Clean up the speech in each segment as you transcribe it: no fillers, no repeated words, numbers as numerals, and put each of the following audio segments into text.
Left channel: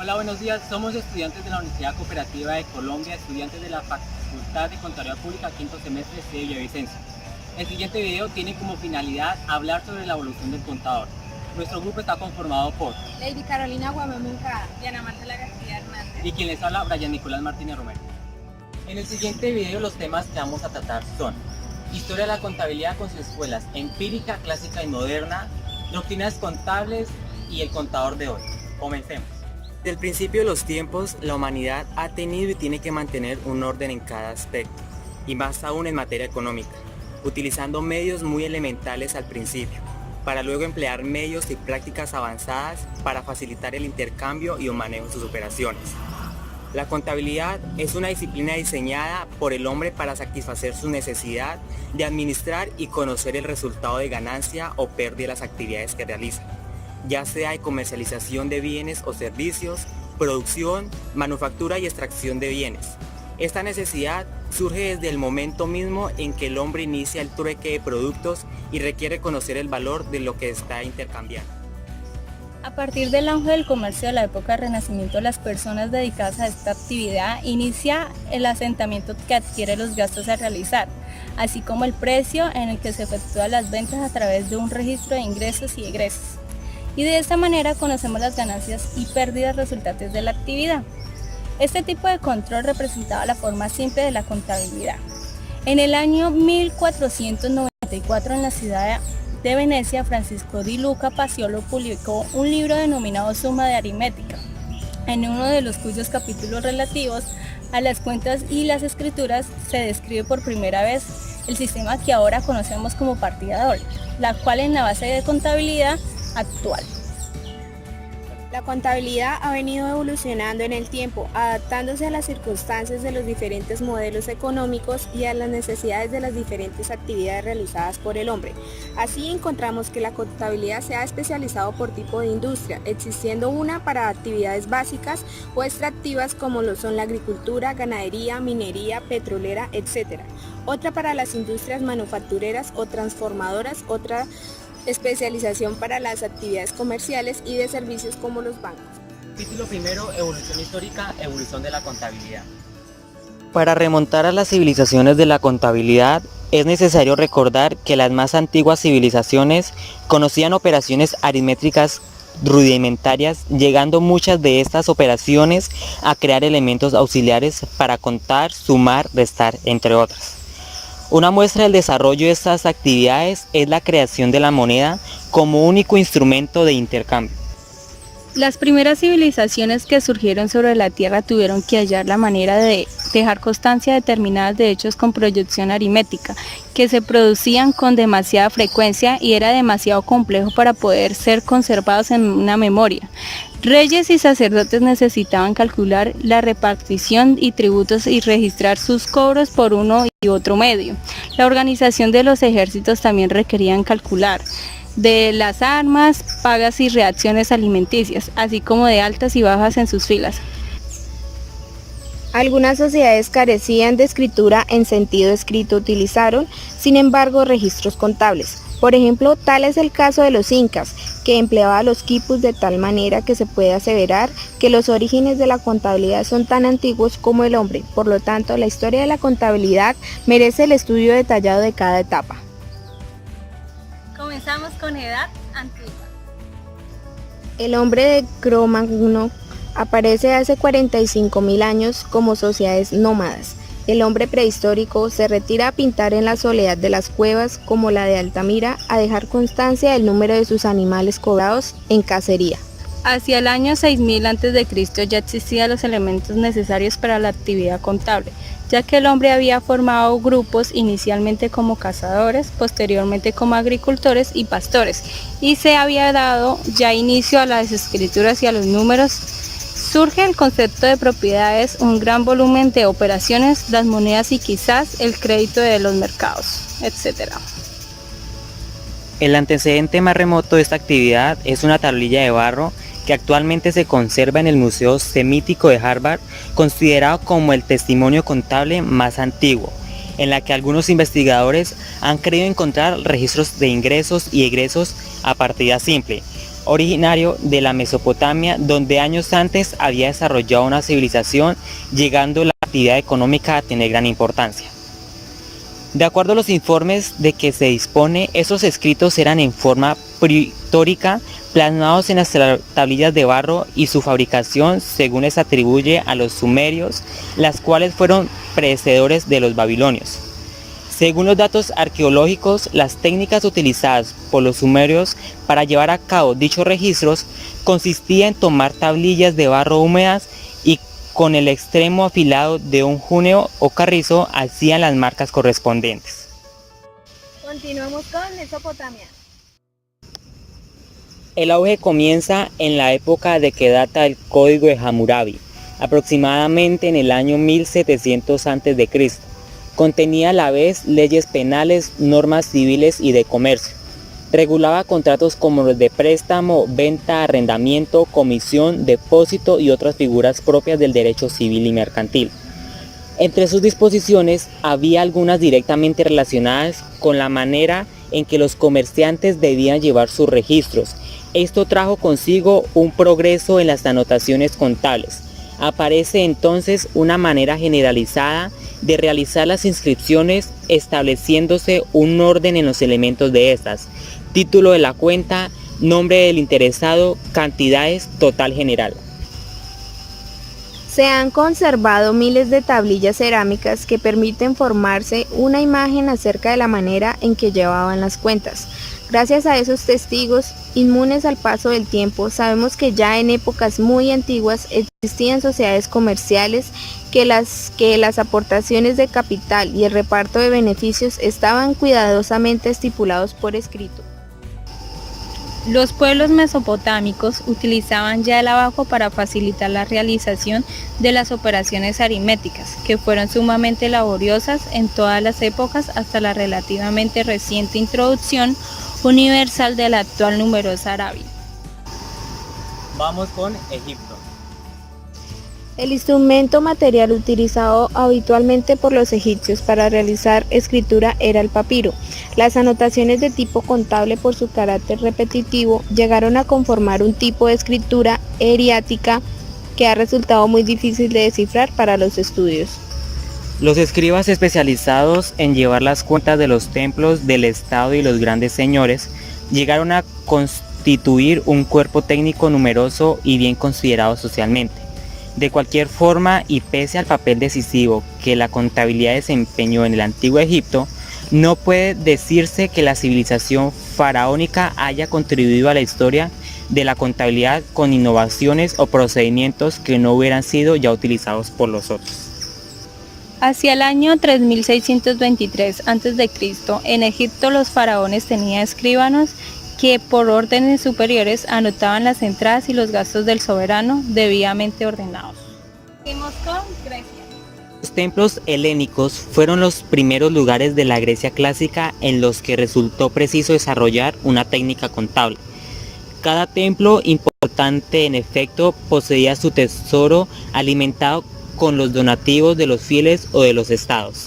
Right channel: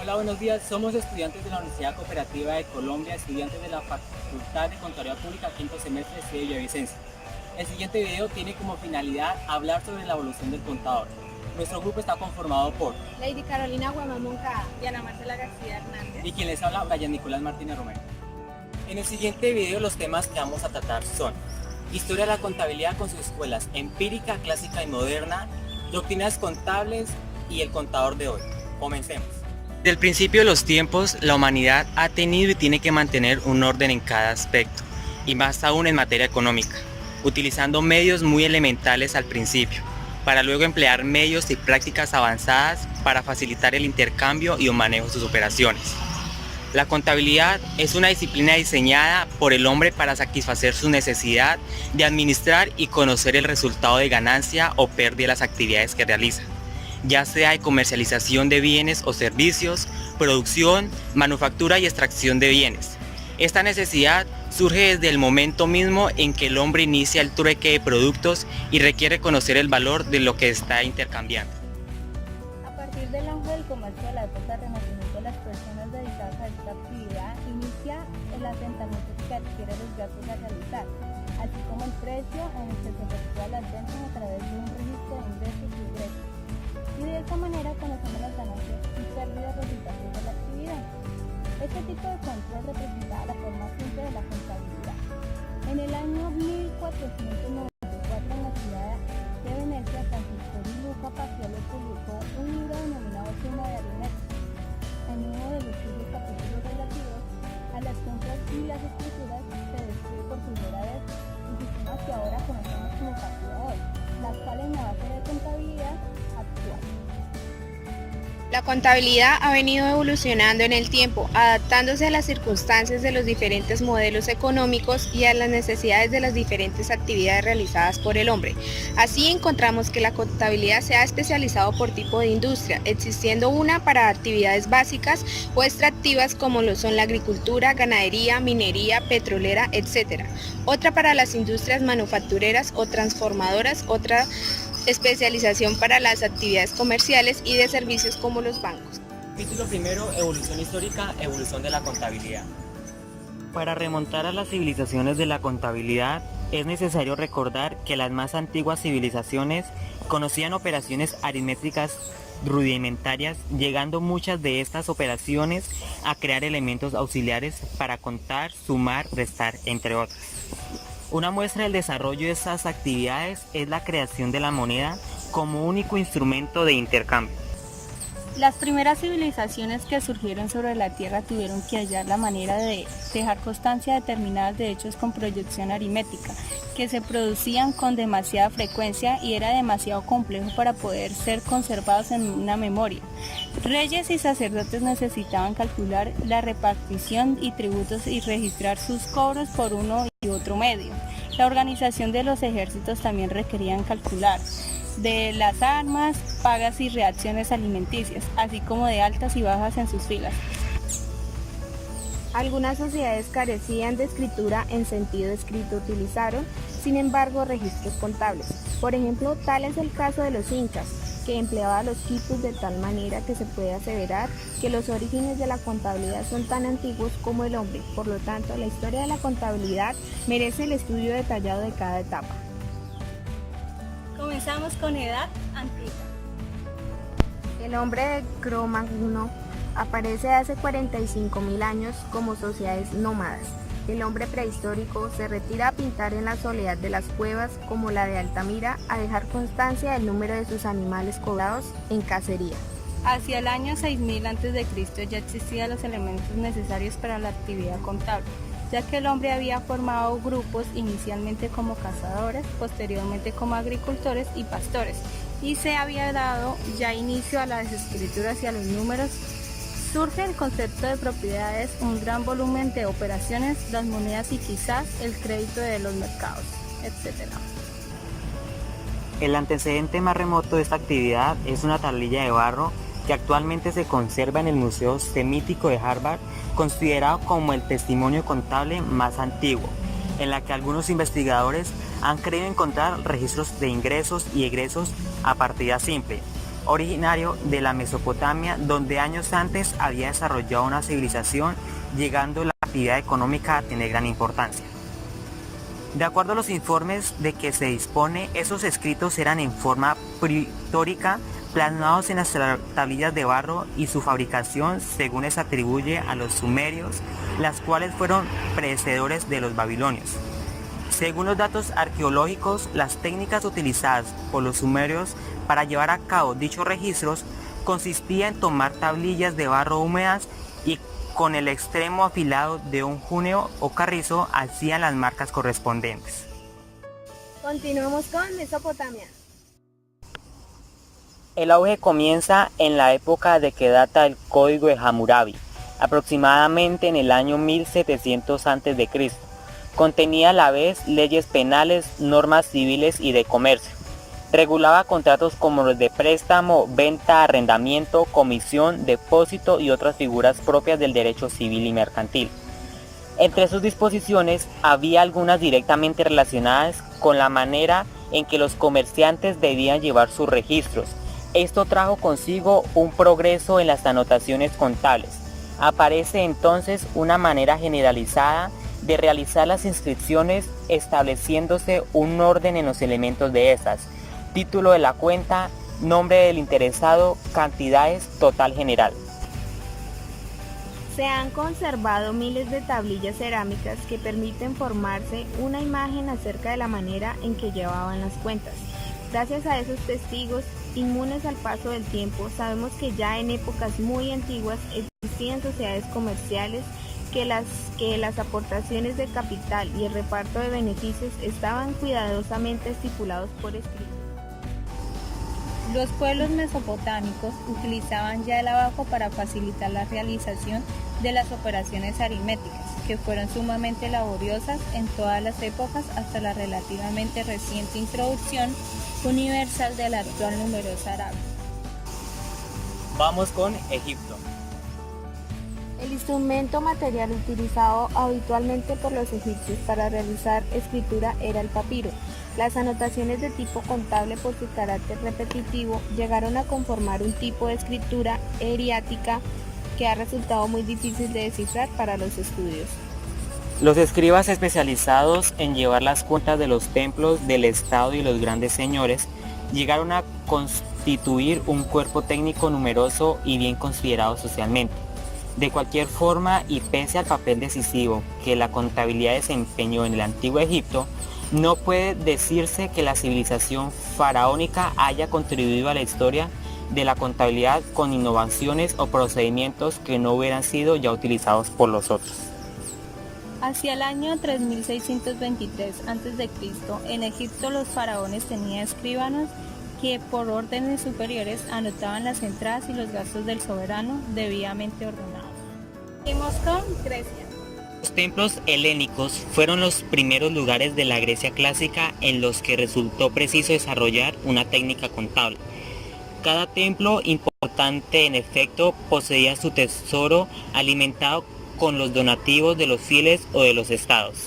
Hola, buenos días. Somos estudiantes de la Universidad Cooperativa de Colombia, estudiantes de la Facultad de Contaduría Pública, quinto semestre de Villavicencio. El siguiente video tiene como finalidad hablar sobre la evolución del contador. Nuestro grupo está conformado por Lady Carolina Guamamuncada, Diana Marcela García Hernández y quien les habla, Brian Nicolás Martínez Romero. En el siguiente video los temas que vamos a tratar son historia de la contabilidad con sus escuelas empírica, clásica y moderna, doctrinas contables y el contador de hoy. Comencemos. Desde el principio de los tiempos, la humanidad ha tenido y tiene que mantener un orden en cada aspecto, y más aún en materia económica, utilizando medios muy elementales al principio, para luego emplear medios y prácticas avanzadas para facilitar el intercambio y el manejo de sus operaciones. La contabilidad es una disciplina diseñada por el hombre para satisfacer su necesidad de administrar y conocer el resultado de ganancia o pérdida de las actividades que realiza, ya sea de comercialización de bienes o servicios, producción, manufactura y extracción de bienes. Esta necesidad surge desde el momento mismo en que el hombre inicia el trueque de productos y requiere conocer el valor de lo que está intercambiando. A partir del auge del comercio de la época del Renacimiento, las personas dedicadas a esta actividad inicia el asentamiento que adquiere los gastos a realizar, así como el precio en el que se efectúan las ventas a través de un registro de ingresos y egresos. Y de esta manera conocemos las ganancias y pérdidas resultantes de la actividad. Este tipo de control representaba la forma simple de la contabilidad. En el año 1494, en la ciudad de Venecia, Francisco di Luca Paciolo publicó un libro denominado Suma de Aritmética, en uno de los cuyos capítulos relativos a las cuentas y las escrituras se describe por primera vez el sistema que ahora conocemos como partida doble, la cual es la base de contabilidad actual. La contabilidad ha venido evolucionando en el tiempo, adaptándose a las circunstancias de los diferentes modelos económicos y a las necesidades de las diferentes actividades realizadas por el hombre. Así encontramos que la contabilidad se ha especializado por tipo de industria, existiendo una para actividades básicas o extractivas como lo son la agricultura, ganadería, minería, petrolera, etc. Otra para las industrias manufactureras o transformadoras, otra especialización para las actividades comerciales y de servicios como los bancos. Capítulo primero, evolución histórica, evolución de la contabilidad. Para remontar a las civilizaciones de la contabilidad, es necesario recordar que las más antiguas civilizaciones conocían operaciones aritméticas rudimentarias, llegando muchas de estas operaciones a crear elementos auxiliares para contar, sumar, restar, entre otras. Una muestra del desarrollo de estas actividades es la creación de la moneda como único instrumento de intercambio. Las primeras civilizaciones que surgieron sobre la Tierra tuvieron que hallar la manera de dejar constancia determinadas de hechos con proyección aritmética, que se producían con demasiada frecuencia y era demasiado complejo para poder ser conservados en una memoria. Reyes y sacerdotes necesitaban calcular la repartición y tributos y registrar sus cobros por uno y otro medio. La organización de los ejércitos también requerían calcular de las armas, pagas y reacciones alimenticias, así como de altas y bajas en sus filas. Algunas sociedades carecían de escritura en sentido escrito, utilizaron, sin embargo, registros contables. Por ejemplo, tal es el caso de los incas, que empleaban los quipus de tal manera que se puede aseverar que los orígenes de la contabilidad son tan antiguos como el hombre. Por lo tanto, la historia de la contabilidad merece el estudio detallado de cada etapa. Comenzamos con edad antigua. El hombre de Cro-Magno aparece hace 45.000 años como sociedades nómadas. El hombre prehistórico se retira a pintar en la soledad de las cuevas como la de Altamira, a dejar constancia del número de sus animales cobrados en cacería. Hacia el año 6000 a.C. ya existían los elementos necesarios para la actividad contable, ya que el hombre había formado grupos inicialmente como cazadores, posteriormente como agricultores y pastores, y se había dado ya inicio a las escrituras y a los números. Surge el concepto de propiedades, un gran volumen de operaciones, las monedas y quizás el crédito de los mercados, etc. El antecedente más remoto de esta actividad es una tablilla de barro que actualmente se conserva en el Museo Semítico de Harvard, considerado como el testimonio contable más antiguo, en la que algunos investigadores han creído encontrar registros de ingresos y egresos a partida simple, originario de la Mesopotamia, donde años antes había desarrollado una civilización, llegando la actividad económica a tener gran importancia. De acuerdo a los informes de que se dispone, esos escritos eran en forma pictórica, plasmados en las tablillas de barro, y su fabricación, según les atribuye a los sumerios, las cuales fueron predecesores de los babilonios. Según los datos arqueológicos, las técnicas utilizadas por los sumerios para llevar a cabo dichos registros consistía en tomar tablillas de barro húmedas y con el extremo afilado de un juneo o carrizo hacían las marcas correspondientes. Continuamos con Mesopotamia. El auge comienza en la época de que data el Código de Hammurabi, aproximadamente en el año 1700 a.C. Contenía a la vez leyes penales, normas civiles y de comercio. Regulaba contratos como los de préstamo, venta, arrendamiento, comisión, depósito y otras figuras propias del derecho civil y mercantil. Entre sus disposiciones había algunas directamente relacionadas con la manera en que los comerciantes debían llevar sus registros. Esto trajo consigo un progreso en las anotaciones contables. Aparece entonces una manera generalizada de realizar las inscripciones, estableciéndose un orden en los elementos de estas: título de la cuenta, nombre del interesado, cantidades, total general. Se han conservado miles de tablillas cerámicas que permiten formarse una imagen acerca de la manera en que llevaban las cuentas. Gracias a esos testigos, inmunes al paso del tiempo, sabemos que ya en épocas muy antiguas existían sociedades comerciales que las aportaciones de capital y el reparto de beneficios estaban cuidadosamente estipulados por escrito. Los pueblos mesopotámicos utilizaban ya el abajo para facilitar la realización de las operaciones aritméticas, que fueron sumamente laboriosas en todas las épocas hasta la relativamente reciente introducción universal de la actual numerosa Arabia. Vamos con Egipto. El instrumento material utilizado habitualmente por los egipcios para realizar escritura era el papiro. Las anotaciones de tipo contable, por su carácter repetitivo, llegaron a conformar un tipo de escritura eriática que ha resultado muy difícil de descifrar para los estudios. Los escribas especializados en llevar las cuentas de los templos del Estado y los grandes señores llegaron a constituir un cuerpo técnico numeroso y bien considerado socialmente. De cualquier forma, y pese al papel decisivo que la contabilidad desempeñó en el Antiguo Egipto, no puede decirse que la civilización faraónica haya contribuido a la historia de la contabilidad con innovaciones o procedimientos que no hubieran sido ya utilizados por los otros. Hacia el año 3623 a.C., en Egipto los faraones tenían escribanos que por órdenes superiores anotaban las entradas y los gastos del soberano debidamente ordenados. Seguimos con Grecia. Los templos helénicos fueron los primeros lugares de la Grecia clásica en los que resultó preciso desarrollar una técnica contable. Cada templo importante, en efecto, poseía su tesoro alimentado con los donativos de los fieles o de los estados.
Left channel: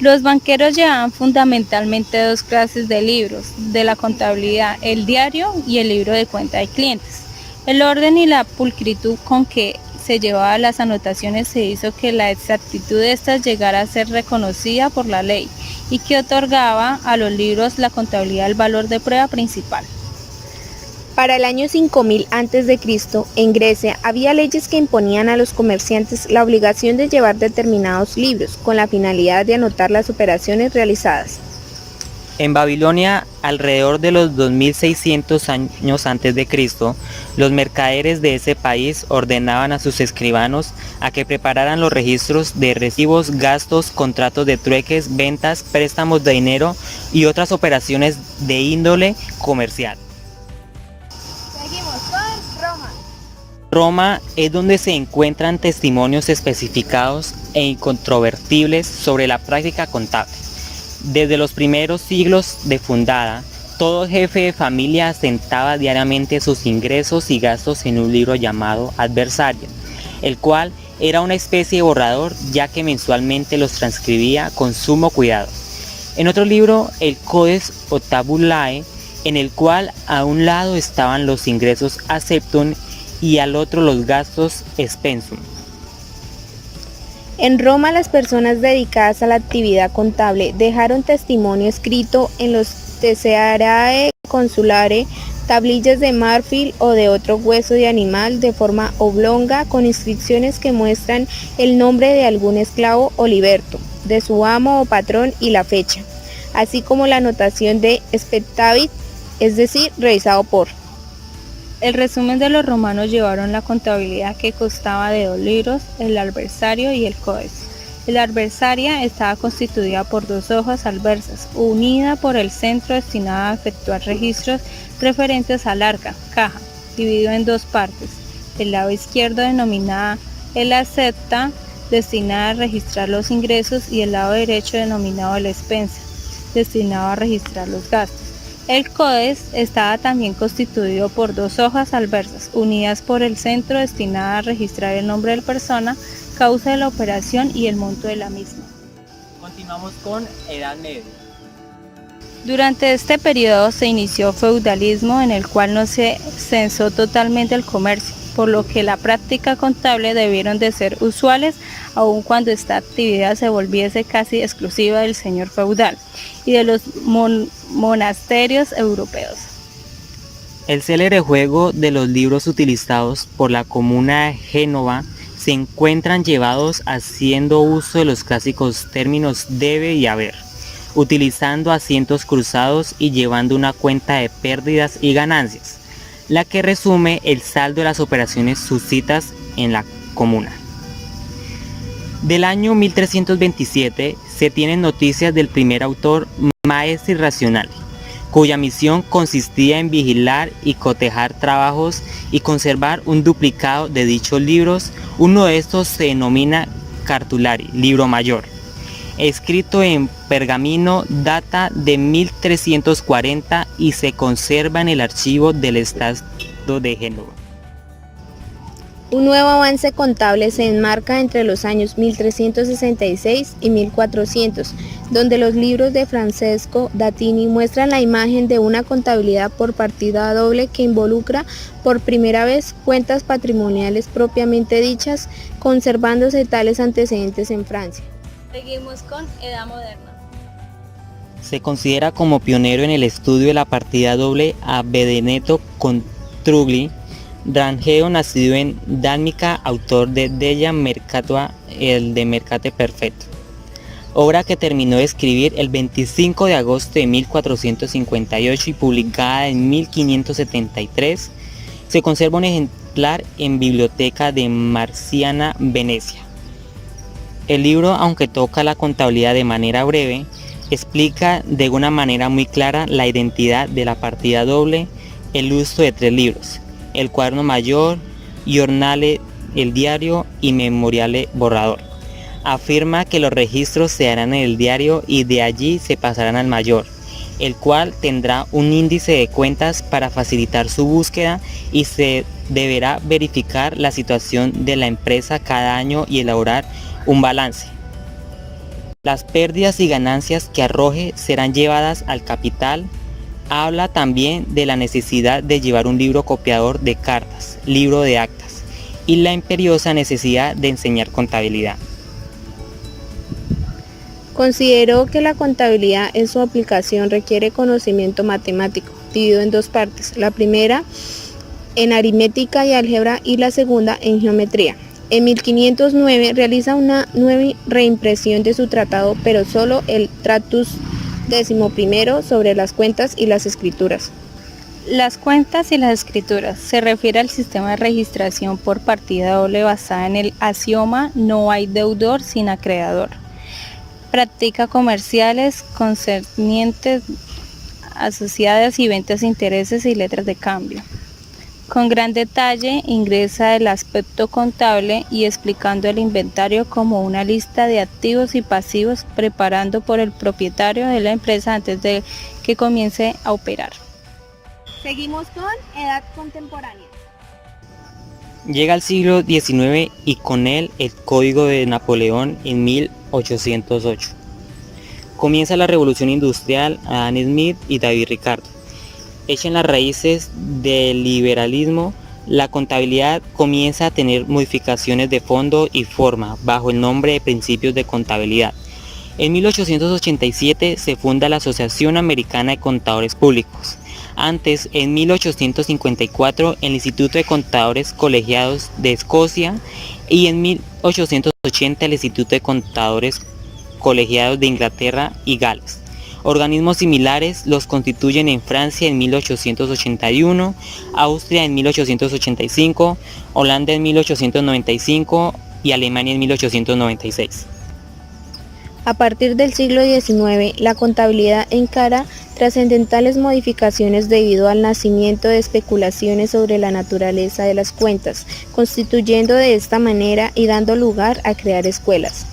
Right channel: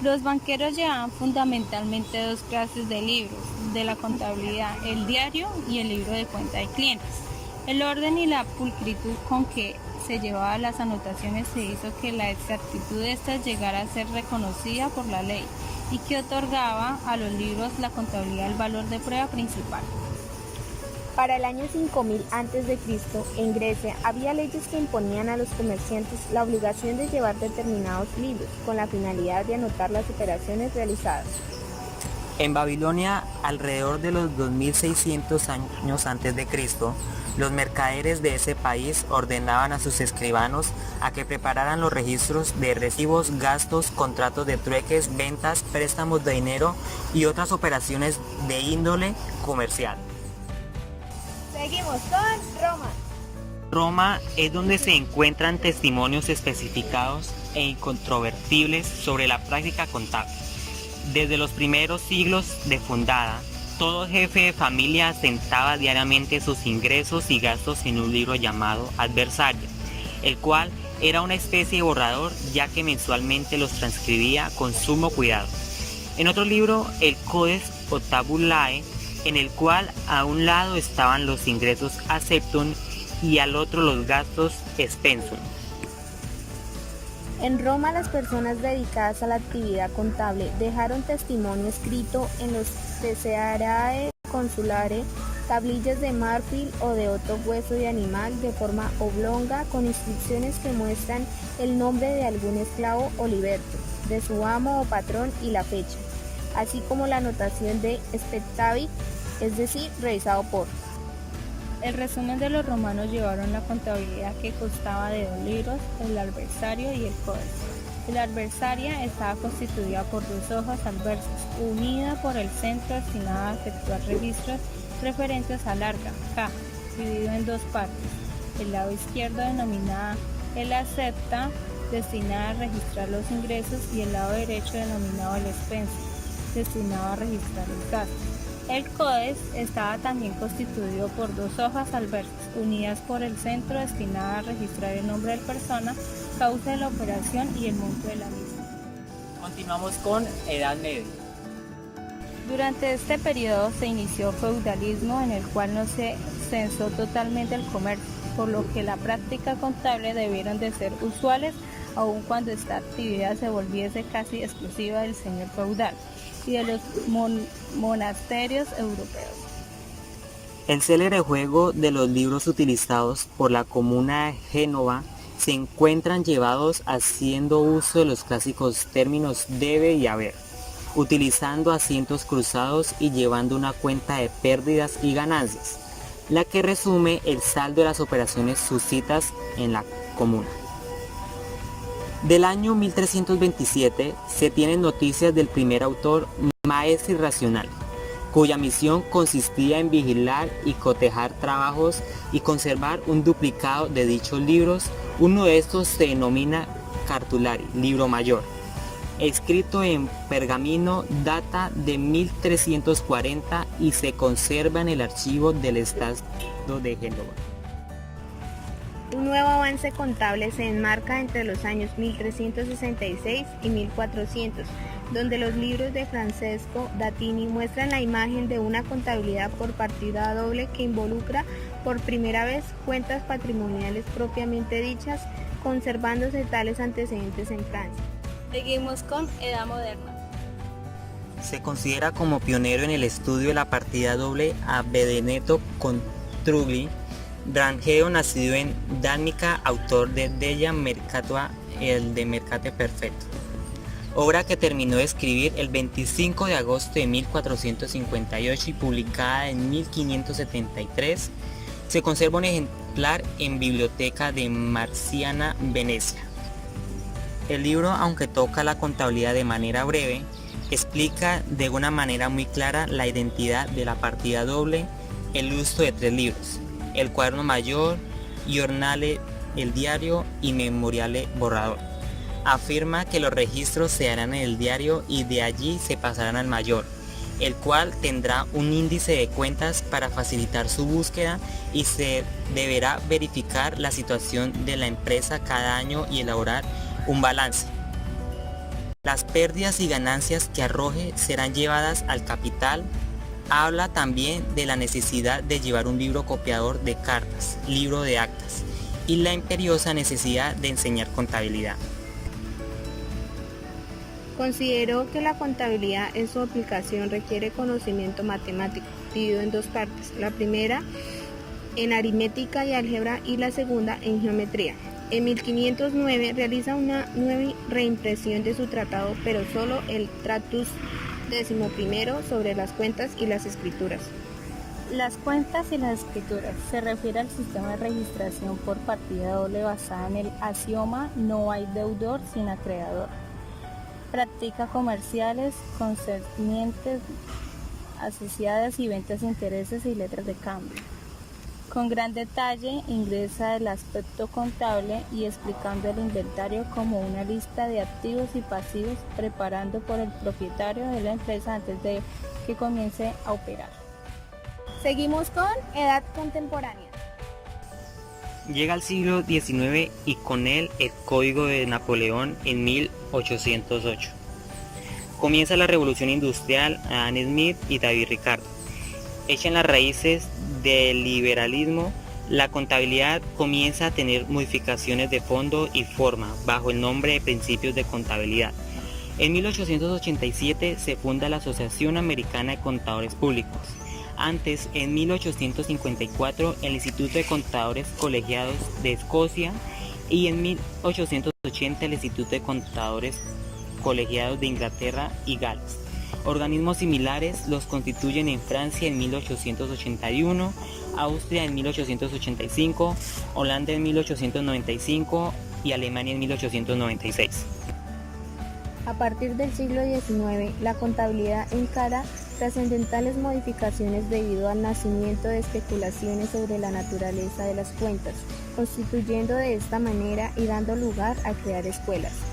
Los banqueros llevaban fundamentalmente dos clases de libros de la contabilidad: el diario y el libro de cuenta de clientes. El orden y la pulcritud con que se llevaban las anotaciones se hizo que la exactitud de estas llegara a ser reconocida por la ley y que otorgaba a los libros la contabilidad el valor de prueba principal. Para el año 5000 a.C., en Grecia había leyes que imponían a los comerciantes la obligación de llevar determinados libros con la finalidad de anotar las operaciones realizadas. En Babilonia, alrededor de los 2600 años antes de Cristo, los mercaderes de ese país ordenaban a sus escribanos a que prepararan los registros de recibos, gastos, contratos de trueques, ventas, préstamos de dinero y otras operaciones de índole comercial. Seguimos con Roma. Roma es donde se encuentran testimonios especificados e incontrovertibles sobre la práctica contable. Desde los primeros siglos de fundada, todo jefe de familia asentaba diariamente sus ingresos y gastos en un libro llamado adversario, el cual era una especie de borrador, ya que mensualmente los transcribía con sumo cuidado. En otro libro, el Codex o Tabulae, en el cual a un lado estaban los ingresos acceptum y al otro los gastos expensum. En Roma, las personas dedicadas a la actividad contable dejaron testimonio escrito en los Tesserae Consulare, tablillas de marfil o de otro hueso de animal de forma oblonga con inscripciones que muestran el nombre de algún esclavo o liberto, de su amo o patrón y la fecha, así como la anotación de spectavit, es decir, revisado por. El resumen de los romanos llevaron la contabilidad que constaba de 2 libros, el adversario y el codex. El adversaria estaba constituida por 2 hojas adversas, unida por el centro destinada a efectuar registros referentes al arca, caja, dividido en 2 partes. El lado izquierdo denominada el acepta, destinada a registrar los ingresos, y el lado derecho denominado el expensa, destinado a registrar los gastos. El codex estaba también constituido por 2 hojas adversas, unidas por el centro, destinada a registrar el nombre de la persona, causa de la operación y el monto de la misma. Continuamos con Edad Media. Durante este periodo se inició feudalismo, en el cual no se censó totalmente el comercio, por lo que la práctica contable debieron de ser usuales, aun cuando esta actividad se volviese casi exclusiva del señor feudal y de los monasterios europeos. El célebre juego de los libros utilizados por la comuna de Génova se encuentran llevados haciendo uso de los clásicos términos debe y haber, utilizando asientos cruzados y llevando una cuenta de pérdidas y ganancias, la que resume el saldo de las operaciones suscitas en la comuna. Del año 1327 se tienen noticias del primer autor, Maestre Racional, cuya misión consistía en vigilar y cotejar trabajos y conservar un duplicado de dichos libros. Uno de estos se denomina Cartulari, libro mayor, escrito en pergamino, data de 1340 y se conserva en el archivo del Estado de Génova. Un nuevo avance contable se enmarca entre los años 1366 y 1400, donde los libros de Francesco Datini muestran la imagen de una contabilidad por partida doble que involucra por primera vez cuentas patrimoniales propiamente dichas, conservándose tales antecedentes en Francia. Seguimos con Edad Moderna. Se considera como pionero en el estudio de la partida doble a Benedetto Contrugli, Rangeo, nacido en Dánica, autor de Della Mercatua, el de Mercate Perfecto, obra que terminó de escribir el 25 de agosto de 1458 y publicada en 1573. Se conserva un ejemplar en Biblioteca de Marciana, Venecia. El libro, aunque toca la contabilidad de manera breve, explica de una manera muy clara la identidad de la partida doble, el uso de 3 libros: el cuaderno mayor, giornale, el diario y memoriale borrador. Afirma que los registros se harán en el diario y de allí se pasarán al mayor, el cual tendrá un índice de cuentas para facilitar su búsqueda y se deberá verificar la situación de la empresa cada año y elaborar un balance. Las pérdidas y ganancias que arroje serán llevadas al capital. Habla también de la necesidad de llevar un libro copiador de cartas, libro de actas, y la imperiosa necesidad de enseñar contabilidad. Consideró que la contabilidad en su aplicación requiere conocimiento matemático, dividido en 2 partes, la primera en aritmética y álgebra y la segunda en geometría. En 1509 realiza una nueva reimpresión de su tratado, pero solo el Tratus XI sobre las cuentas y las escrituras. Las cuentas y las escrituras se refiere al sistema de registración por partida doble basada en el axioma no hay deudor sin acreedor. Practica comerciales concernientes asociadas y ventas de intereses y letras de cambio. Con gran detalle ingresa el aspecto contable y explicando el inventario como una lista de activos y pasivos preparando por el propietario de la empresa antes de que comience a operar. Seguimos con Edad Contemporánea. Llega al siglo XIX y con él el Código de Napoleón en 1808. Comienza la Revolución Industrial, Adam Smith y David Ricardo. hecha en las raíces del liberalismo, la contabilidad comienza a tener modificaciones de fondo y forma bajo el nombre de principios de contabilidad. En 1887 se funda la Asociación Americana de Contadores Públicos. Antes, en 1854, el Instituto de Contadores Colegiados de Escocia y en 1880 el Instituto de Contadores Colegiados de Inglaterra y Gales. Organismos similares los constituyen en Francia en 1881, Austria en 1885, Holanda en 1895 y Alemania en 1896. A partir del siglo XIX, la contabilidad encara trascendentales modificaciones debido al nacimiento de especulaciones sobre la naturaleza de las cuentas, constituyendo de esta manera y dando lugar a crear escuelas.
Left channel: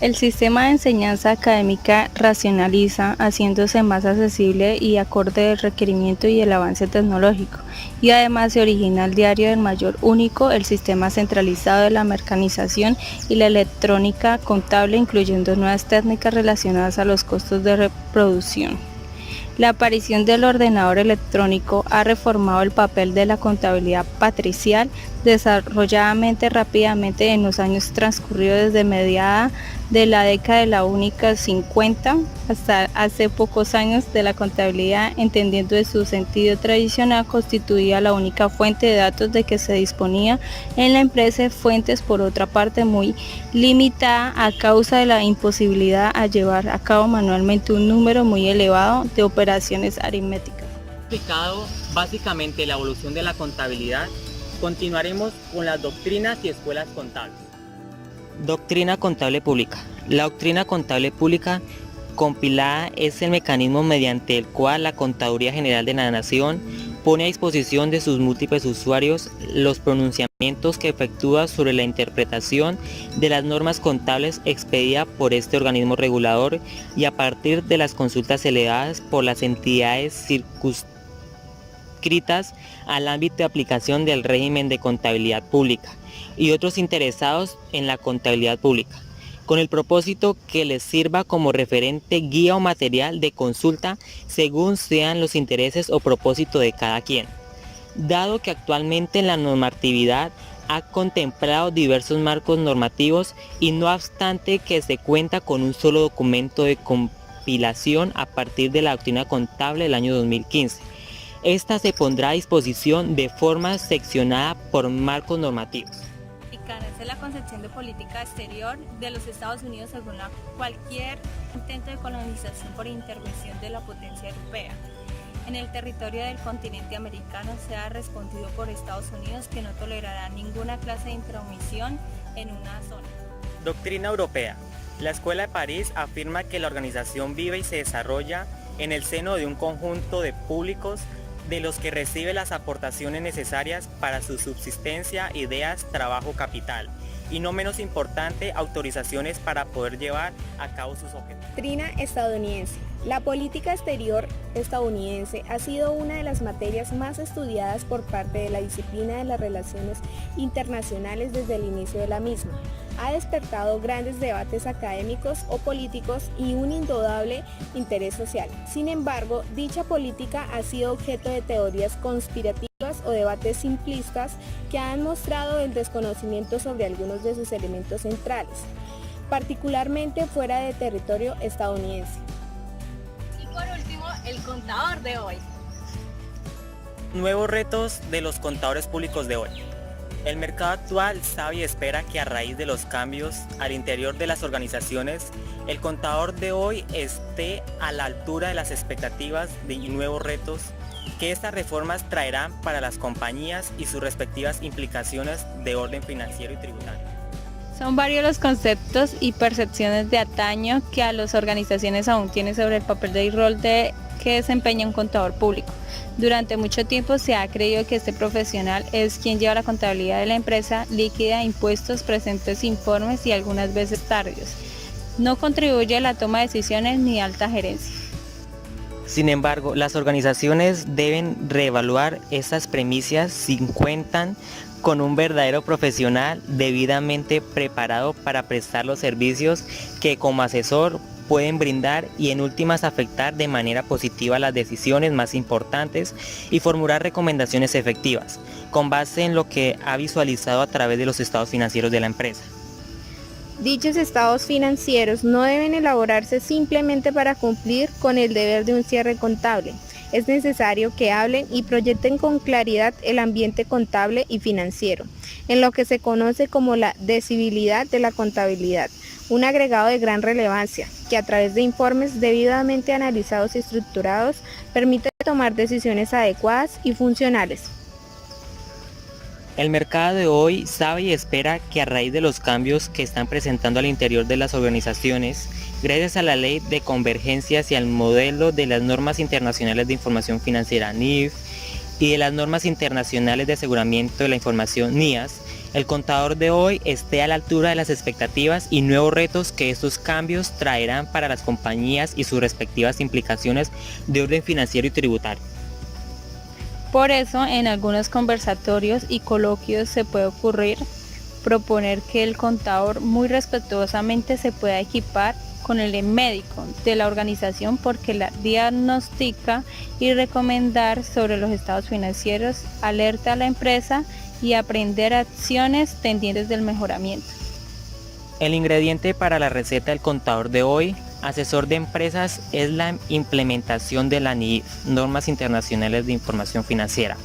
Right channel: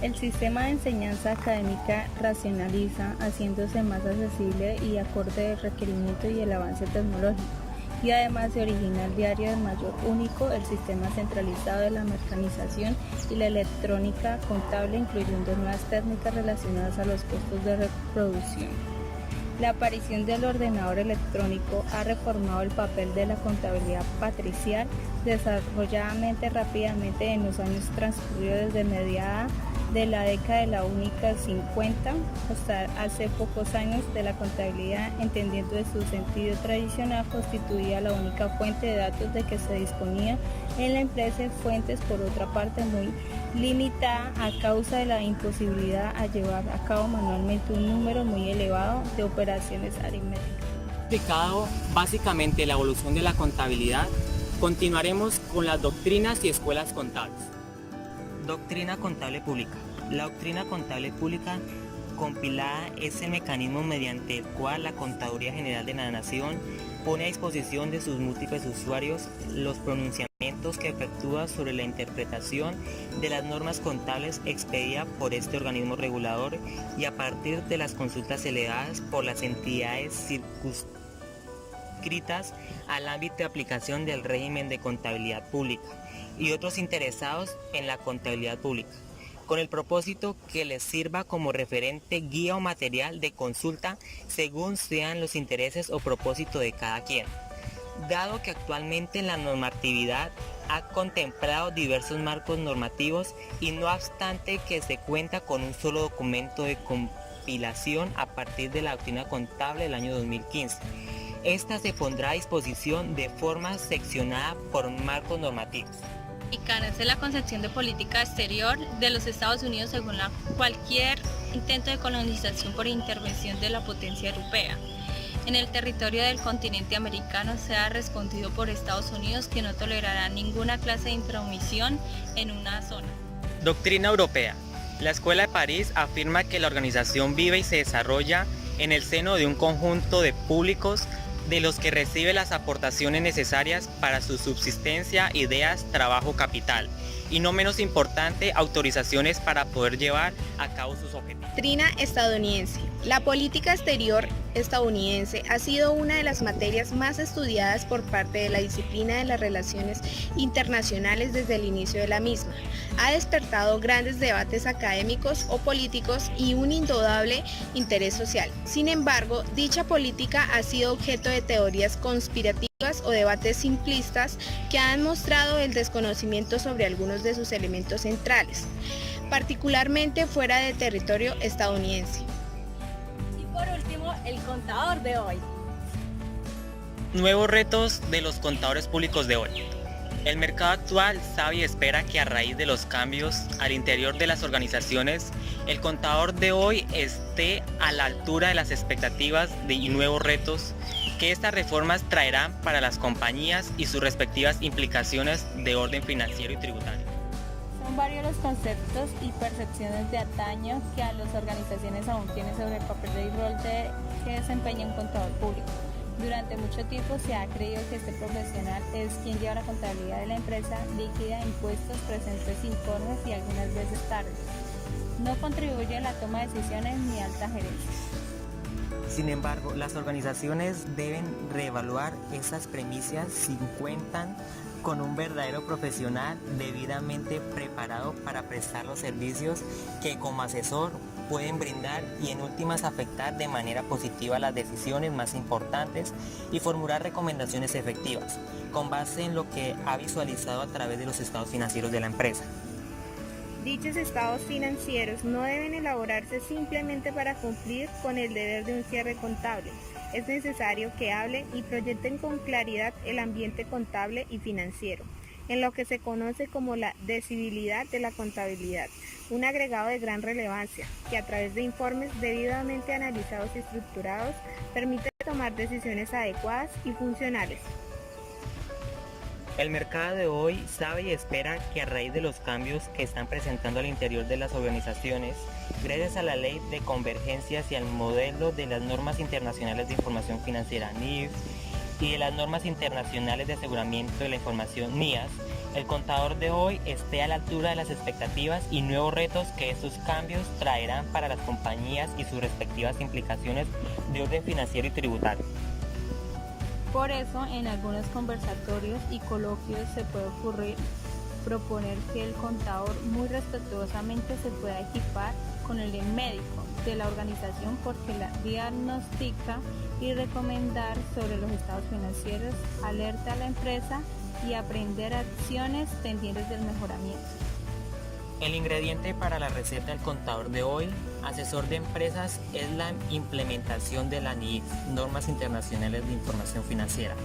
El sistema de enseñanza académica racionaliza, haciéndose más accesible y acorde al requerimiento y el avance tecnológico, y además se origina el diario del mayor único, el sistema centralizado de la mecanización y la electrónica contable, incluyendo nuevas técnicas relacionadas a los costos de reproducción. La aparición del ordenador electrónico ha reformado el papel de la contabilidad patricial, desarrolladamente rápidamente en los años transcurridos desde mediada de la década de la única 50 hasta hace pocos años de la contabilidad, entendiendo de su sentido tradicional, constituía la única fuente de datos de que se disponía en la empresa, fuentes por otra parte muy limitada a causa de la imposibilidad a llevar a cabo manualmente un número muy elevado de operaciones aritméticas. Explicado básicamente la evolución de la contabilidad, continuaremos con las doctrinas y escuelas contables. Doctrina contable pública. La doctrina contable pública compilada es el mecanismo mediante el cual la Contaduría General de la Nación pone a disposición de sus múltiples usuarios los pronunciamientos que efectúa sobre la interpretación de las normas contables expedida por este organismo regulador y a partir de las consultas elevadas por las entidades circunscritas al ámbito de aplicación del régimen de contabilidad pública y otros interesados en la contabilidad pública, con el propósito que les sirva como referente, guía o material de consulta según sean los intereses o propósito de cada quien. Dado que actualmente la normatividad ha contemplado diversos marcos normativos y no obstante que se cuenta con un solo documento de compilación a partir de la doctrina contable del año 2015, esta se pondrá a disposición de forma seccionada por marcos normativos. Y carece la concepción de política exterior de los Estados Unidos según la cualquier intento de colonización por intervención de la potencia europea en el territorio del continente americano se ha respondido por Estados Unidos, que no tolerará ninguna clase de intromisión en una zona. Doctrina europea. La Escuela de París afirma que la organización vive y se desarrolla en el seno de un conjunto de públicos de los que recibe las aportaciones necesarias para su subsistencia, ideas, trabajo, capital, y no menos importante, autorizaciones para poder llevar a cabo sus objetivos. Doctrina estadounidense. La política exterior estadounidense ha sido una de las materias más estudiadas por parte de la disciplina de las relaciones internacionales desde el inicio de la misma. Ha despertado grandes debates académicos o políticos y un indudable interés social. Sin embargo, dicha política ha sido objeto de teorías conspirativas o debates simplistas que han mostrado el desconocimiento sobre algunos de sus elementos centrales, particularmente fuera del territorio estadounidense. Por último, el contador de hoy. Nuevos retos de los contadores públicos de hoy. El mercado actual sabe y espera que a raíz de los cambios al interior de las organizaciones, el contador de hoy esté a la altura de las expectativas y nuevos retos que estas reformas traerán para las compañías y sus respectivas implicaciones de orden financiero y tributario. Son varios los conceptos y percepciones de antaño que a las organizaciones aún tienen sobre el papel y rol que desempeña un contador público. Durante mucho tiempo se ha creído que este profesional es quien lleva la contabilidad de la empresa, liquida impuestos, presenta informes y algunas veces tardíos. No contribuye a la toma de decisiones ni alta gerencia. Sin embargo, las organizaciones deben reevaluar estas premisas si cuentan con un verdadero profesional debidamente preparado para prestar los servicios que como asesor pueden brindar y en últimas afectar de manera positiva las decisiones más importantes y formular recomendaciones efectivas, con base en lo que ha visualizado a través de los estados financieros de la empresa. Dichos estados financieros no deben elaborarse simplemente para cumplir con el deber de un cierre contable. Es necesario que hablen y proyecten con claridad el ambiente contable y financiero, en lo que se conoce como la decibilidad de la contabilidad, un agregado de gran relevancia, que a través de informes debidamente analizados y estructurados permite tomar decisiones adecuadas y funcionales. El mercado de hoy sabe y espera que a raíz de los cambios que están presentando al interior de las organizaciones, gracias a la ley de convergencias y al modelo de las normas internacionales de información financiera NIF y de las normas internacionales de aseguramiento de la información NIAS, el contador de hoy esté a la altura de las expectativas y nuevos retos que estos cambios traerán para las compañías y sus respectivas implicaciones de orden financiero y tributario. Por eso, en algunos conversatorios y coloquios se puede ocurrir proponer que el contador muy respetuosamente se pueda equipar con el médico de la organización porque la diagnostica y recomendar sobre los estados financieros, alerta a la empresa y aprender acciones tendientes del mejoramiento. El ingrediente para la receta del contador de hoy, asesor de empresas, es la implementación de la NIF, Normas Internacionales de Información Financiera.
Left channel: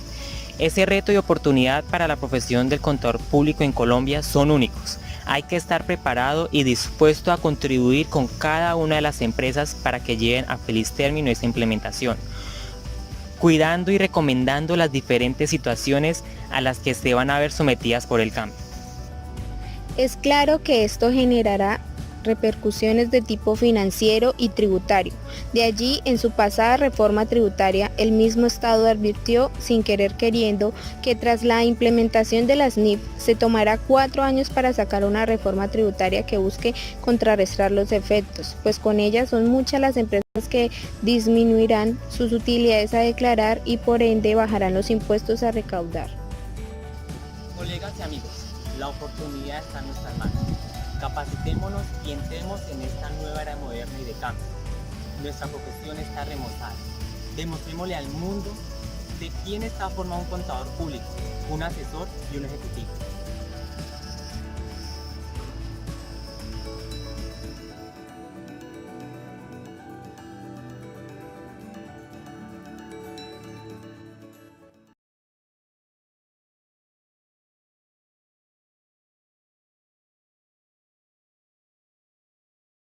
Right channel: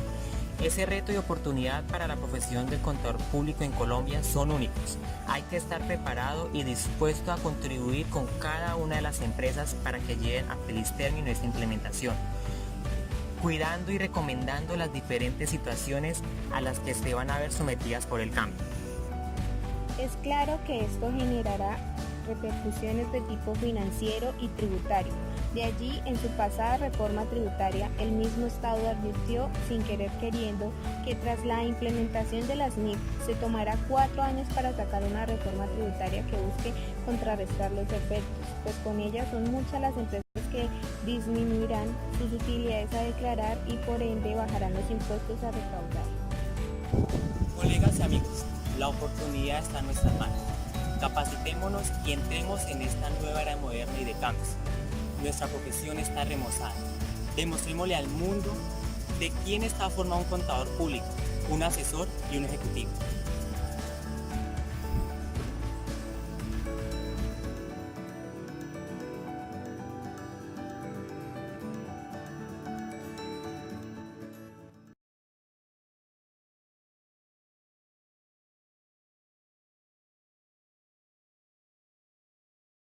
Ese reto y oportunidad para la profesión del contador público en Colombia son únicos. Hay que estar preparado y dispuesto a contribuir con cada una de las empresas para que lleven a feliz término esta implementación, cuidando y recomendando las diferentes situaciones a las que se van a ver sometidas por el cambio. Es claro que esto generará repercusiones de tipo financiero y tributario. De allí, en su pasada reforma tributaria, el mismo Estado advirtió, sin querer queriendo, que tras la implementación de las NIF se tomará 4 años para sacar una reforma tributaria que busque contrarrestar los efectos, pues con ella son muchas las empresas que disminuirán sus utilidades a declarar y por ende bajarán los impuestos a recaudar. Colegas y amigos, la oportunidad está en nuestras manos. Capacitémonos y entremos en esta nueva era moderna y de cambios. Nuestra profesión está remozada. Demostrémosle al mundo de quién está formado un contador público, un asesor y un ejecutivo.